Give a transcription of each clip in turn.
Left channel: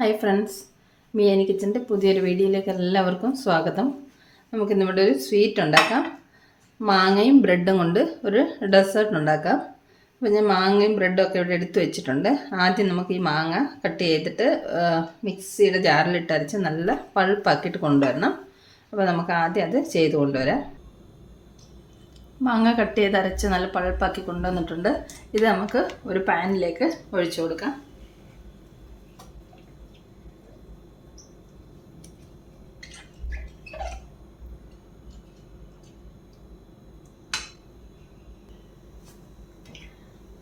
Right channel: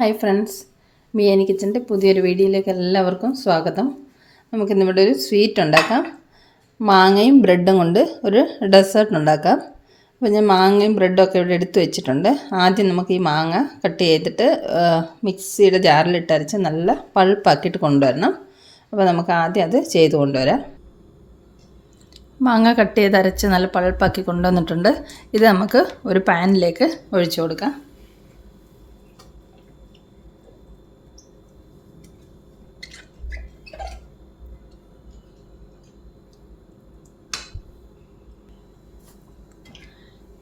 Hi friends, മിയാനി കിച്ചൻ്റെ പുതിയൊരു വീഡിയോയിലേക്ക് എല്ലാവർക്കും സ്വാഗതം. നമുക്കിന്നിവിടെ ഒരു സ്വീറ്റ് ഉണ്ടാക്കാം. മാങ്ങയും ബ്രെഡും കൊണ്ട് ഒരു ഡെസേർട്ട് ഉണ്ടാക്കാം. അപ്പോൾ ഞാൻ മാങ്ങയും ബ്രെഡും ഒക്കെ ഇവിടെ എടുത്ത് വെച്ചിട്ടുണ്ട്. ആദ്യം നമുക്ക് ഈ മാങ്ങ കട്ട് ചെയ്തിട്ട് മിക്സിയുടെ ജാറിലിട്ട് അരച്ച് നല്ല പൾപ്പാക്കിയിട്ട് കൊണ്ടുവരണം. അപ്പോൾ നമുക്ക് ആദ്യം അത് ചെയ്ത് കൊണ്ടുവരാം. മാങ്ങ കട്ട് ചെയ്ത് അരച്ച് നല്ല പൾപ്പാക്കി കൊണ്ടുവന്നിട്ടുണ്ട്. ഇത് നമുക്ക് ഒരു പാനിലേക്ക് ഒഴിച്ചു കൊടുക്കാം.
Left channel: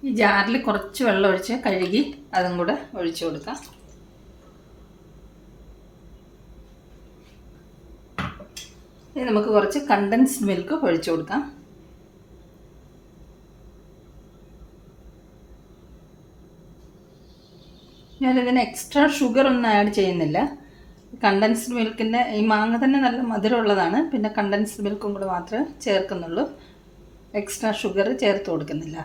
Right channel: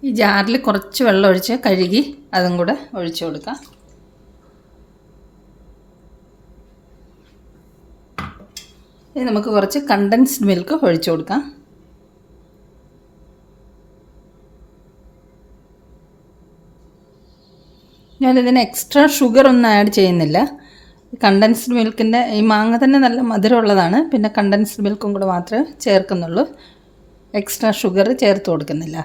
ഈ ജാറിൽ കുറച്ച് വെള്ളം ഒഴിച്ച് കഴുകി അതും കൂടെ ഒഴിച്ചു കൊടുക്കാം. ഇനി നമുക്ക് കുറച്ച് കണ്ടൻസ്ഡ് മിൽക്ക് ഒഴിച്ചു കൊടുക്കാം. ഞാനിതിന് എക്സ്ട്രാ ഷുഗർ ഒന്നും ആഡ് ചെയ്യുന്നില്ല. കണ്ടൻസ്ഡ് മിൽക്കിൻ്റെ ഈ മാങ്ങ തന്നെ നല്ല മധുരമുള്ളതാണ്. പിന്നെ കണ്ടൻസ്ഡ് മിൽക്കും കൂടെ മാത്രമേ ചേർക്കുന്നുള്ളൂ. എക്സ്ട്രാ ഷുഗർ ചേർത്ത് കൊടുക്കുന്നില്ല.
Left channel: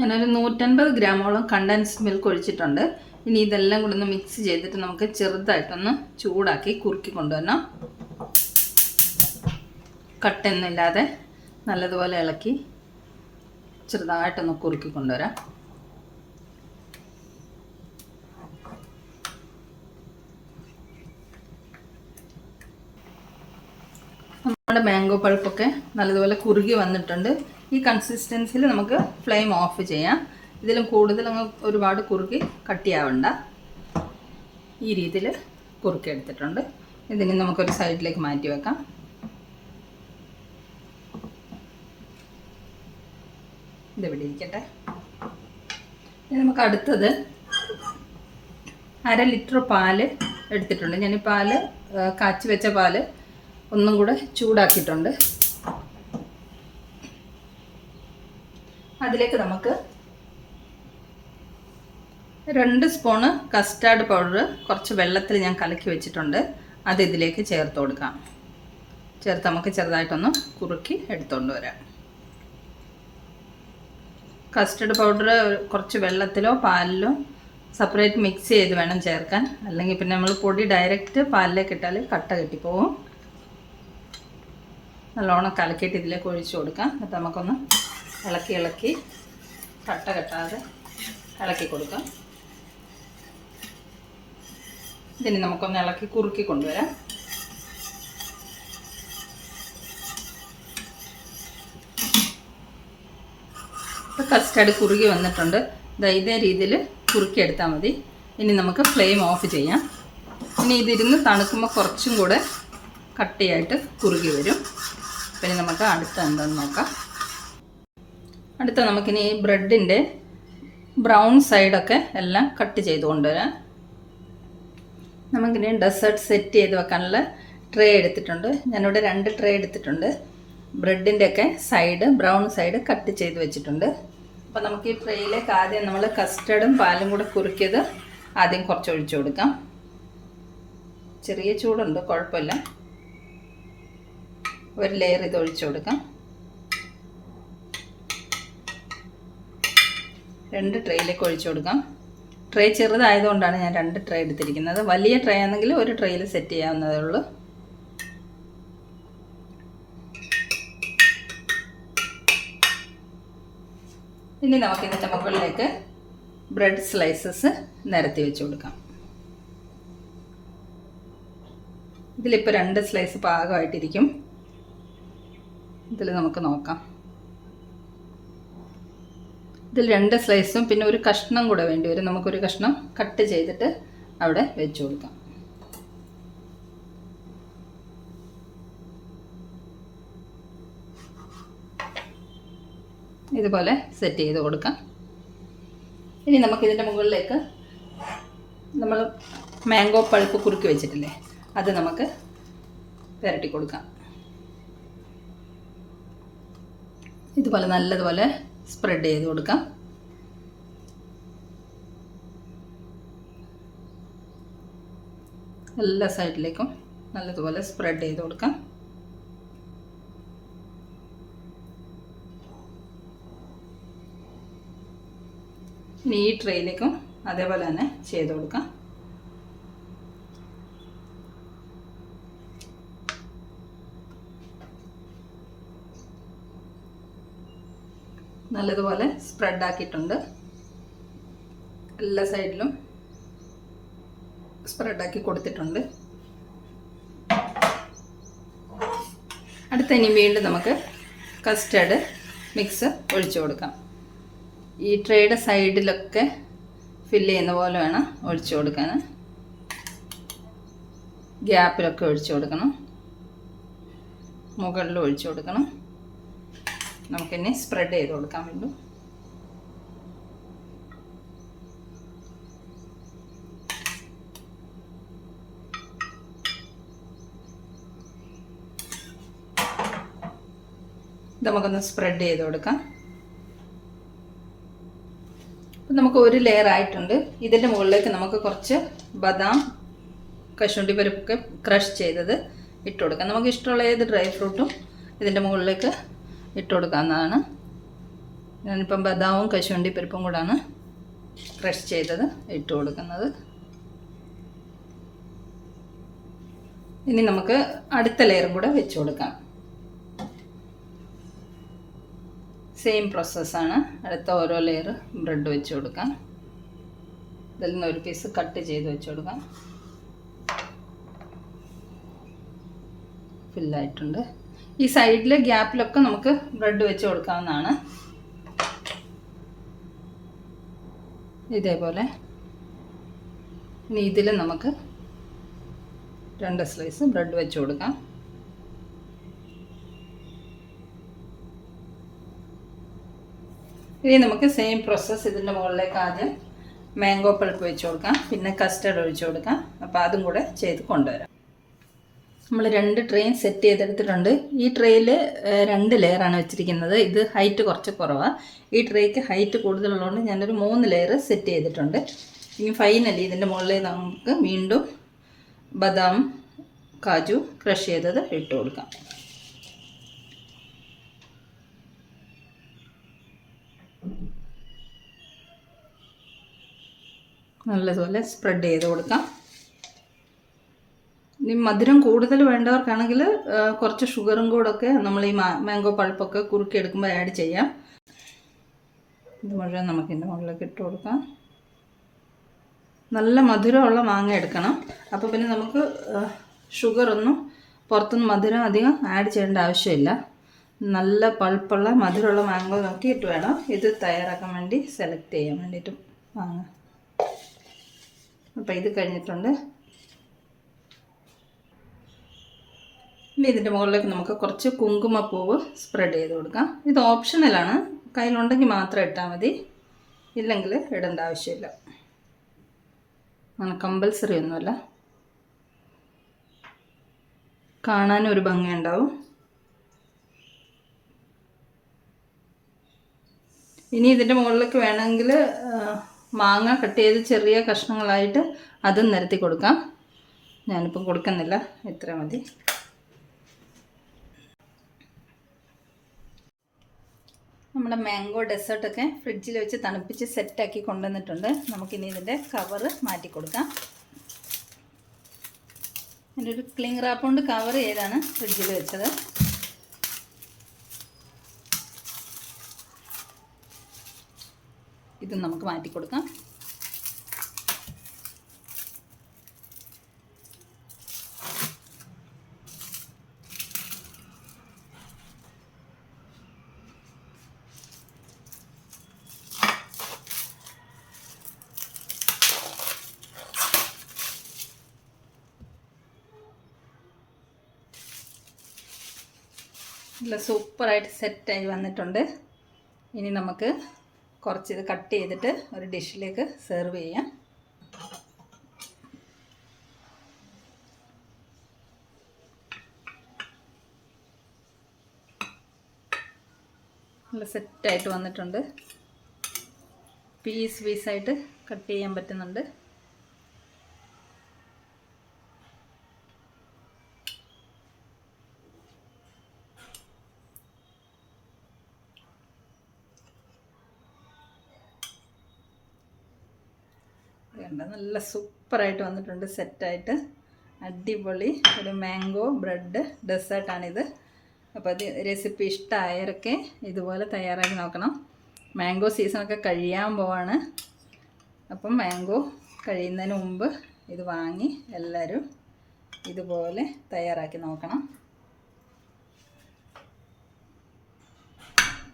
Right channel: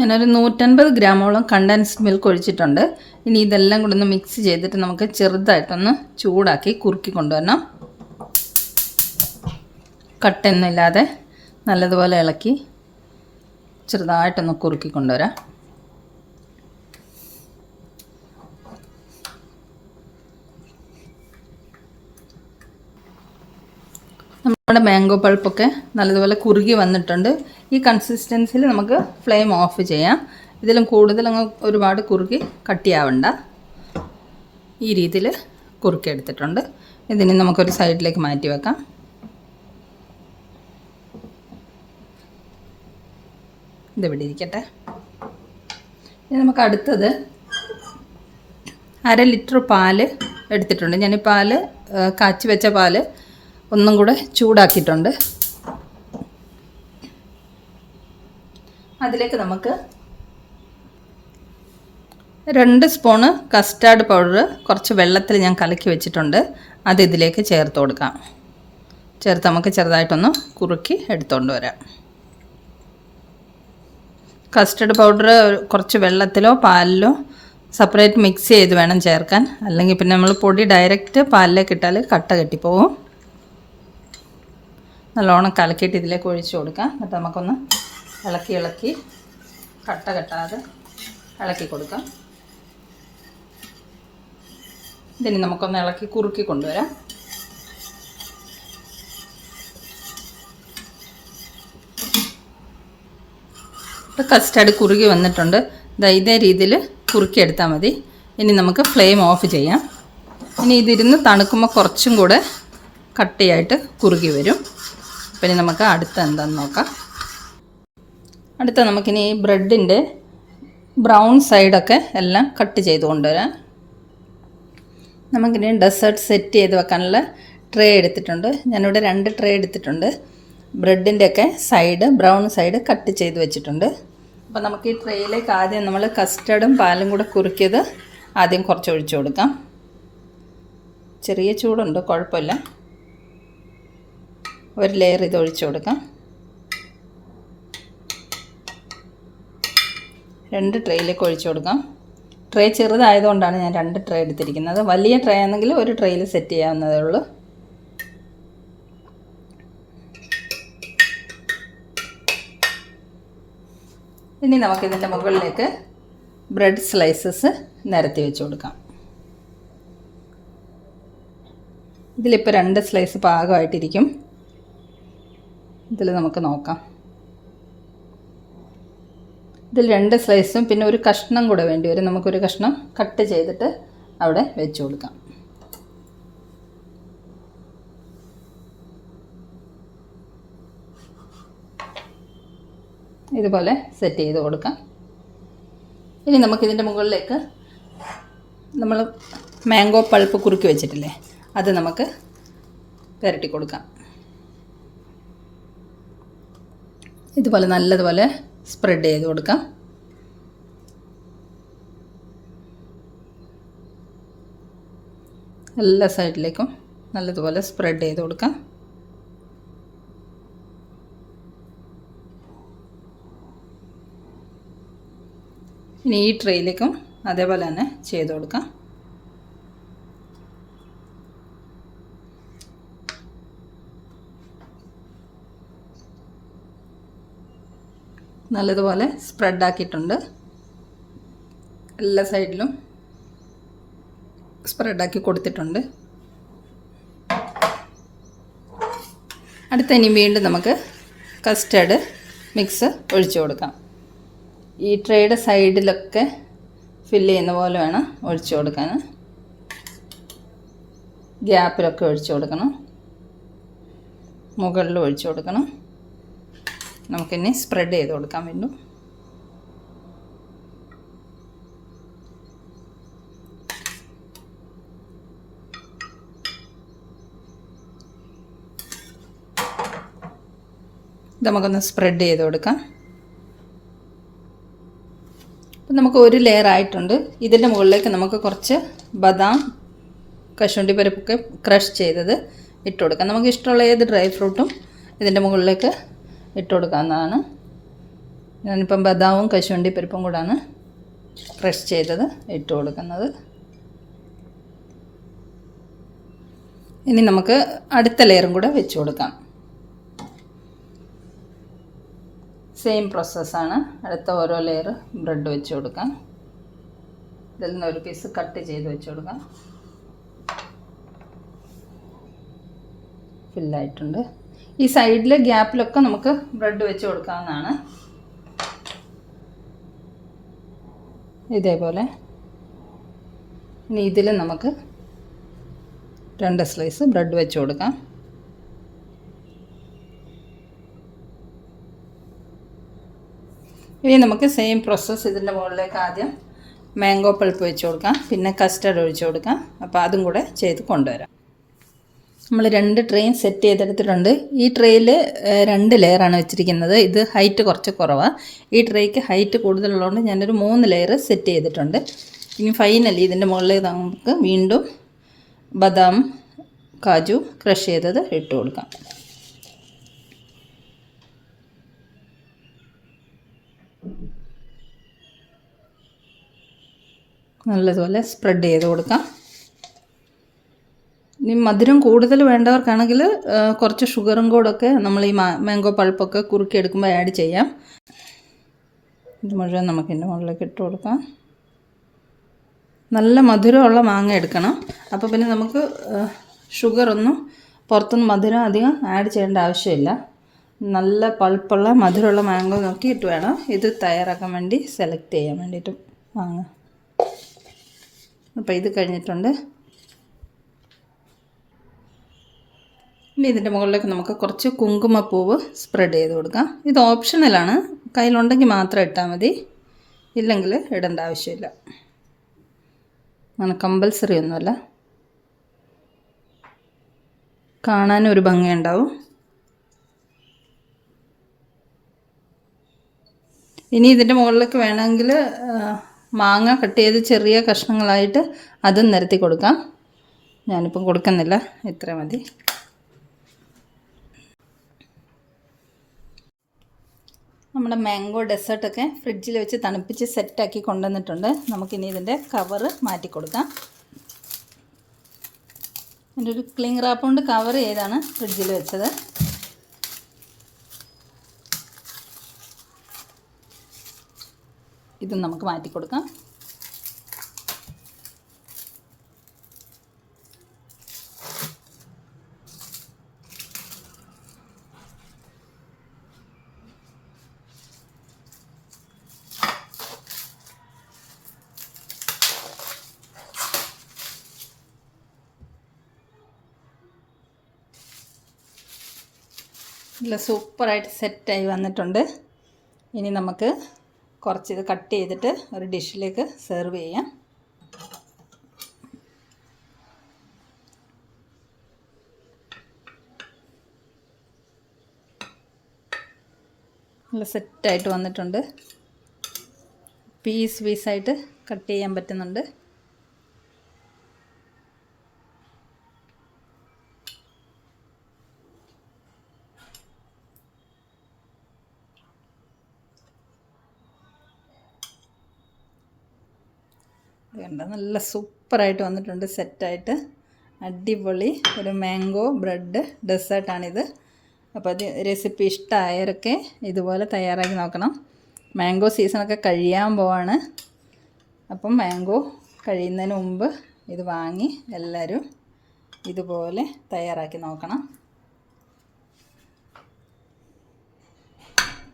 ഞാനൊരു 150 ഗ്രാമോളം കണ്ടൻസ്ഡ് മിൽക്ക് ഒഴിച്ചിട്ടുണ്ട്. ഇനി ഇതെല്ലാം കൂടെ ഒന്ന് മിക്സ് ചെയ്തിട്ട് നമുക്ക് ചെറുതായിട്ടൊന്ന് ചൂടാക്കി കുറുക്കി കൊണ്ടുവരണം. കട്ടയൊന്നുമില്ലാതെ നല്ലതുപോലെ ഇളക്കി ചെറുതായിട്ടൊന്ന് കുറുക്കി കൊണ്ടുവരാം. നമ്മുടെ മാംഗോ പൾപ്പൊക്കെ നല്ലതുപോലെ കുറുകി വന്നിട്ടുണ്ട്. ഈ കൺസിസ്റ്റൻസിയിൽ നമുക്ക് ഫ്ലെയിം ഓഫ് ചെയ്യാം. ഇതിലും കൂടുതൽ അങ്ങ് ഒരുപാട് കുറുകി കട്ടിയാവണ്ട. ഈ രീതിയിൽ കുറുക്കി എടുത്തിട്ടുണ്ട്. ഇതിനെ നമുക്കൊരു സൈഡിലേക്ക് മാറ്റി വെക്കാം. ഇതിവിടെ ഇരിക്കട്ടെ. ഇനി നമുക്ക് അടുത്തത് 1/2 ലിറ്റർ പാല് എടുത്തിട്ടുണ്ട്. ഞാൻ ഈ പാല് കാച്ചി വെച്ച പാല് ഒന്നും കൂടെ ചൂടാക്കിയിട്ടുണ്ട്. അതിലേക്ക് നമുക്ക് 2 സ്പൂണ് കസ്റ്റാർഡ് പൗഡർ കുറച്ച് വെള്ളത്തിൽ ഞാൻ കലക്കി വെച്ചിട്ടുണ്ട്. അത് ഇതിലേക്ക് ചേർത്ത് കൊടുക്കാം. ചേർത്ത് നമുക്ക് ചെറുതായിട്ടൊന്ന് കുറുക്കി എടുത്തുകൊണ്ട് വരാം. കസ്റ്റാർഡ് പൗഡർ കുറച്ച് വെള്ളത്തിലോ പാലിലോ സെപ്പറേറ്റ് മിക്സ് ചെയ്ത് വേണം ചേർക്കാൻ. അല്ലെങ്കിൽ പിന്നെ നമ്മൾ പൊടി ഡയറക്റ്റ് പാലിലേക്ക് ഇട്ടാൽ കട്ട കെട്ടിപ്പോവും. നല്ലോണം കലക്കിയിട്ട് ഇതിലേക്ക് ഒഴിച്ചു കൊടുക്കാം. എന്നിട്ട് നമുക്കൊന്ന് ഇളക്കി കട്ട കെട്ടാതെ ഇളക്കി കൊടുക്കാം. ഇതിന് നമുക്കൊന്ന് ഇളക്കി കുറുക്കി കൊണ്ടുവരാം. ഇപ്പോൾ കസ്റ്റാർഡ് കുറുകി വന്നിട്ടുണ്ട്. ഇതേ രീതിയിൽ കുറുക്കിയെടുത്താൽ മതി. ഇനി നമുക്ക് ഫ്ലെയിം ഓഫ് ചെയ്യാം. ഇനി ഇതിരുന്ന് തണുക്കുമ്പോൾ കുറച്ചും കൂടെ കട്ടിയായിട്ട് കുറുകി വരും. പിന്നെ നമുക്ക് അടുത്ത എന്താണെന്ന് നോക്കാം. അടുത്ത നമുക്കിനി ഈ ബ്രെഡിൻ്റെ ബ്രൗൺ സൈഡൊക്കെ എല്ലാം കട്ട് ചെയ്ത് കൊണ്ടുവരാം. നമുക്കിനി ഡെസേർട്ട് സെറ്റ് ചെയ്ത് വെക്കാനുള്ള ട്രേ എടുത്തിട്ടുണ്ട്. ഞാനിവിടെ 2 ട്രേ എടുത്തിട്ടുണ്ട്. ബ്രെഡിൻ്റെയൊക്കെ സൈഡ് ബ്രൗൺ സൈഡ് കട്ട് ചെയ്ത് വെച്ചിട്ടുണ്ട്. അപ്പോൾ നമുക്ക് ഈ ട്രേയിലേക്ക് ആദ്യം നമ്മൾ കസ്റ്റർഡും പാലും കൂടെ കുറുക്കിയത് ആദ്യം കുറച്ച് ഒഴിച്ചു കൊടുക്കാം. ചെറിയ ചൂടുണ്ട്, കുഴപ്പമില്ല. ഒരു ലെയർ ഇത് ഒഴിച്ചു കൊടുക്കാം. 2 ട്രേയിലേക്ക് ഒഴിച്ചു കൊടുക്കാം. ട്രേ ചെറുതായതുകൊണ്ടാണ് ഞാൻ 2 ട്രേ എടുത്തിരിക്കുന്നത്. വലിയ ട്രേ ആണെങ്കിൽ ഒരു ട്രേയിൽ സെറ്റ് ചെയ്യാവുന്നതേ ഉള്ളൂ. ഇനി നമുക്കിതിൻ്റെ മുകളിലേക്ക് ബ്രെഡ് സ്ലൈസസ് നിരത്തി വെച്ച് കൊടുക്കാം. ഇതിലിപ്പോൾ 2 സ്ലൈസ് പാകമായിട്ടിരിക്കും. ഇതിൽ നമുക്ക് നോക്കാം. ഇതിൽ 2 സ്ലൈസും പിന്നെ ഒരു കഷ്ണം കൂടെ വേണ്ടി വരും. നമുക്കൊരു കഷ്ണം കട്ട് ചെയ്തിട്ട് അവിടെ വെച്ച് കൊടുക്കാം. ഇതുപോലെ സെറ്റ് ചെയ്ത് കൊടുക്കാം. ഇനി നമുക്കിതിൻ്റെ മുകളിലേക്ക് നമ്മൾ മാംഗോ പൾപ്പ് കുറുക്കി വെച്ചിട്ടില്ലേ, അത് നമുക്ക് പുരട്ടി കൊടുക്കാം. ഇതുപോലെ നല്ലതുപോലെ സ്പ്രെഡ് ചെയ്ത് കൊടുക്കാം. എല്ലാ സൈഡിലേക്കും നല്ലതുപോലെ സ്പ്രെഡ് ചെയ്ത് കൊടുക്കാം. ഇനി ഈ ട്രേയിലേക്കും അതേപോലെ തന്നെ ചെയ്ത് കൊടുക്കാം. നല്ലതുപോലെ സ്പ്രെഡാക്കിയിട്ടുണ്ട്. എല്ലാ സൈഡിലും സ്പ്രെഡാക്കി കൊടുത്തിട്ടുണ്ട്. അടുത്ത ഇനി വീണ്ടും നമുക്ക് കസ്റ്റർഡ് മിക്സ് ഒഴിച്ചു കൊടുക്കാം. ഈ ട്രേയുടെ സൈഡിലൊക്കെ ഫില്ല് ചെയ്യുന്ന പോലെ വേണം ഒഴിച്ചു കൊടുക്കാൻ. ഗ്യാപ്പിലൊക്കെ ഒഴിച്ചു കൊടുക്കണം, മുകളിൽ ഒഴിച്ചു കൊടുക്കണം. നമുക്കിനി സ്പ്രെഡ് ചെയ്ത് കൊടുക്കാം വീണ്ടും. ഇത് നമുക്കൊന്ന് സ്പ്രെഡ് ചെയ്ത് കൊടുക്കാം. അപ്പം നമുക്ക് ഒരു ലെയർ ആയിട്ടുണ്ട്. ഇതിൻ്റെ മുകളിലേക്ക് നമുക്ക് കുറച്ച് ബദാം, കശുവണ്ടി പരിപ്പൊക്കെ ക്രഷ് ചെയ്തത് ഇട്ട് കൊടുക്കാം. നമുക്ക് ഇഷ്ടമുള്ള ഏത് ഡ്രൈ ഫ്രൂട്ടും ഇതിൻ്റെ മുകളിലേക്ക് ഇട്ട് കൊടുക്കാവുന്നതാണ്. ഞാനിപ്പം ബദാമും കശുവണ്ടി പരിപ്പും കൂടാണ് ക്രഷ് ചെയ്തത് ഇട്ട് കൊടുക്കുന്നത്. ഇനി നമുക്ക് അടുത്ത ലെയറും കൂടെ വെച്ച് കൊടുക്കാം. സെയിം പ്രോസസ്സാണ്. അടുത്ത ഓരോ ലെയർ ബ്രെഡ് വെച്ച് കൊടുക്കാം. ഇതിൽ നിന്ന് ഒരു പീസ് കട്ട് ചെയ്ത് വെച്ച് കൊടുക്കാം. ഫില്ലായിട്ടുണ്ട്. ഈ സൈഡിലെ ഗ്യാപ്പിലൊക്കെ നമുക്ക് ബ്രെഡ് വെച്ച് കൊടുക്കാവുന്നതാണ്. ഇതേപോലെ ഇനി ഇതിൽ നമുക്ക് 2 സ്ലൈസ് ബ്രെഡ് വെച്ച് കൊടുക്കാം. ഇനി നമുക്ക് സെയിം പ്രോസസ്സ് ഇതിൻ്റെ മുകളിലേക്ക് ആദ്യം മാംഗോ പൾപ്പ് വെച്ച് കൊടുക്കാം, പിന്നെ കസ്റ്റർഡ് ഒഴിച്ച് കൊടുക്കാം. അപ്പോൾ അതും കൂടെ ചെയ്ത് കൊണ്ടുവരാം. നമ്മൾ 2 ട്രെയും സെറ്റ് ചെയ്തെടുത്തിട്ടുണ്ട്. ഈ ട്രെയിൽ 2 ലെയറാണ് വെച്ചിരിക്കുന്നത്. ഇത് ഹൈറ്റ് കുറച്ച് കുറവാണ്. ഈ ട്രേക്ക് ഹൈറ്റ് കൂടുതലുള്ളതുകൊണ്ട് ഞാനൊരു 3 ലെയർ സെറ്റ് ചെയ്തിട്ടുണ്ട്. ഇനി ഫൈനലി ഇതിൻ്റെ മുകളിലേക്ക് നമുക്ക് വീണ്ടും ബദാം, കാജു ക്രഷ് ചെയ്തത് ഇട്ട് കൊടുക്കാം. നല്ലതുപോലെ സ്പ്രെഡ് ചെയ്ത് കൊടുക്കാം. ഇനി മധുരം കൂടുതൽ വേണ്ടവർക്കാണെങ്കിൽ കുറച്ച് ഷുഗറും കൂടെയൊക്കെ നമ്മൾ ഈ മാംഗോ പൾപ്പൊക്കെ കുറുക്കിയെടുക്കുമ്പോൾ ആഡ് ചെയ്യാം. ഇത് മുഴുവൻ നമുക്ക് ഇതിൻ്റെ മുകളിലേക്ക് ഇട്ട് കൊടുക്കാം. നല്ല മധുരമുള്ള മാങ്ങ എടുക്കണം. അപ്പോൾ പിന്നെ നമുക്ക് ഷുഗറൊന്നും പുറത്തുനിന്ന് മധുരം അധികം ആഡ് ചെയ്യേണ്ട ആവശ്യമില്ല. നല്ല പൾപ്പുള്ള മധുരമുള്ള മാംഗോ നോക്കിയിട്ട് വേണം ഇത് തയ്യാറാക്കാൻ വേണ്ടി സെലക്ട് ചെയ്യാൻ വേണ്ടിയിട്ട് മാങ്ങ. അപ്പോൾ ഇത് കഴിഞ്ഞിട്ടുണ്ട്. ഇനി ഇതിൻ്റെ മുകളിലേക്ക് നമുക്ക് കുറച്ച് കുങ്കുമപ്പൂവ് സ്പ്രെഡ് ചെയ്ത് കൊടുക്കാം. ഇത് ഓപ്ഷണലാണ്. കയ്യിലുണ്ടെങ്കിൽ മാത്രം ഇട്ടാൽ മതി, ഇല്ലെങ്കിൽ ഇടേണ്ട ആവശ്യമില്ല. അങ്ങനെ കമ്പൽസറി ഒന്നുമല്ല. കാണാനും ഒരു ഭംഗിയുണ്ടാവും. ഇനി ഇതിൻ്റെ മുകളിലേക്ക് വേണമെങ്കിൽ മാങ്ങ കട്ട് ചെയ്ത് ചെറിയ കഷ്ണങ്ങളായിട്ട് അതും നിരത്തി കൊടുക്കാം. ഞാനിപ്പം കൊടുക്കുന്നില്ല, ഇത്ര മതി. നമ്മുടെ മാംഗോ ഡെസേർട്ടൊക്കെ ഫ്രിഡ്ജിൽ വെച്ച് തണുപ്പിച്ച് സെറ്റാക്കി കൊണ്ടുവന്നിട്ടുണ്ട്. നമുക്കിനി ഇതിൻ്റെ കവറ് മാറ്റി കൊടുക്കാം. ഇതിൻ്റെ ഒരു ക്ലിംഗ് റാപ്പ് കൊണ്ട് കവർ ചെയ്താണ് ഫ്രിഡ്ജിൽ വെച്ചത്. ഇത് നമുക്ക് മാറ്റി കൊടുക്കാം. നല്ല സൂപ്പറായിട്ട് സെറ്റായി വന്നിട്ടുണ്ട്. ഇനി നമുക്ക് കുറച്ചിത് കട്ട് ചെയ്തിട്ട് ഒരു ഡിഷിലേക്ക് സെർവ് ചെയ്യാം. നല്ല സെറ്റായിട്ട് വന്നിട്ടുണ്ട്. പീസായിട്ട് കട്ട് ചെയ്യാൻ പറ്റുന്നുണ്ട്. കണ്ട നല്ല സൂപ്പറായിട്ട് വന്നിട്ടുണ്ട്, സെറ്റായിട്ട് അടിപൊളി ഒരു മാംഗോ ബ്രെഡ് ഡെസേർട്ടാണിത്. അപ്പോൾ അത് റെസിപ്പി ഇഷ്ടമായവരൊക്കെ ഇതുപോലെ തയ്യാറാക്കി നോക്കണം. മാംഗോ സീസണൊക്കെ കഴിയാൻ പോവാണ്. അപ്പം മാംഗോ കഴിയുന്നതിന് മുമ്പ് ഇത് വാങ്ങി എല്ലാവരും ഇതുപോലെ തയ്യാറാക്കി നോക്കണം.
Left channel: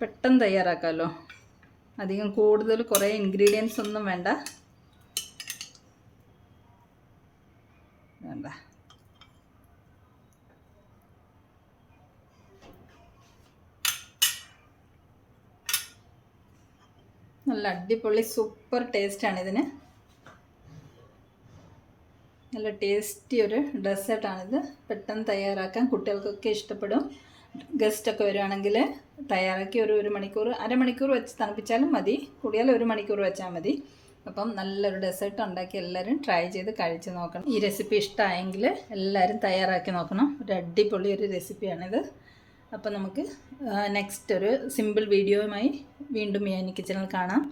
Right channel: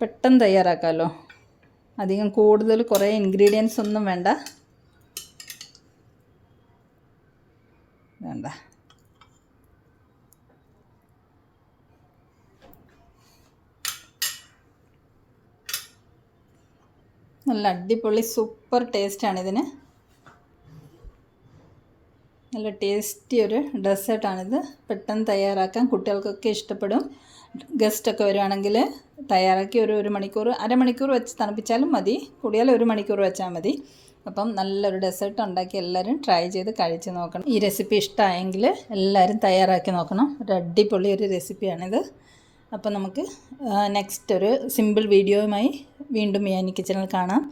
പെട്ടെന്ന് തയ്യാറാക്കാമല്ലോ, അധികം കൂടുതൽ കുറേ ഇൻഗ്രീഡിയൻസ് ഒന്നും വേണ്ട. നല്ല അടിപൊളി സൂപ്പർ ടേസ്റ്റാണിതിന്. നല്ല ടേസ്റ്റി ഒരു ഡെസേർട്ടാണിത്. പെട്ടെന്ന് തയ്യാറാക്കാൻ കുട്ടികൾക്കൊക്കെ ഇഷ്ടപ്പെടും. ഗസ്റ്റൊക്കെ വരുവാണെങ്കിൽ തയ്യാറാക്കി ഒരു മണിക്കൂർ അരമണിക്കൂർ വെച്ച് തണുപ്പിച്ചാലും മതി, കൂടിയാൽ 1 മണിക്കൂർ വെച്ചാൽ മതി. അപ്പം നല്ലൊരു ഡെസേർട്ട് ഉണ്ടാക്കി എല്ലാവരും ട്രൈ ചെയ്ത് കഴിച്ച് നോക്കണം. ഈ റെസിപ്പി ഇഷ്ടമായെങ്കിൽ എല്ലാവരും തയ്യാറാക്കി നോക്കണം. ഒരു അടിപൊളി ഒരു റെസിപ്പിയാണിത്. അപ്പം നമുക്ക് നെക്സ്റ്റ് ഒരു സിമ്പിൾ വീഡിയോയുമായി വീണ്ടും മിയാനി കിച്ചണിൽ കാണാം.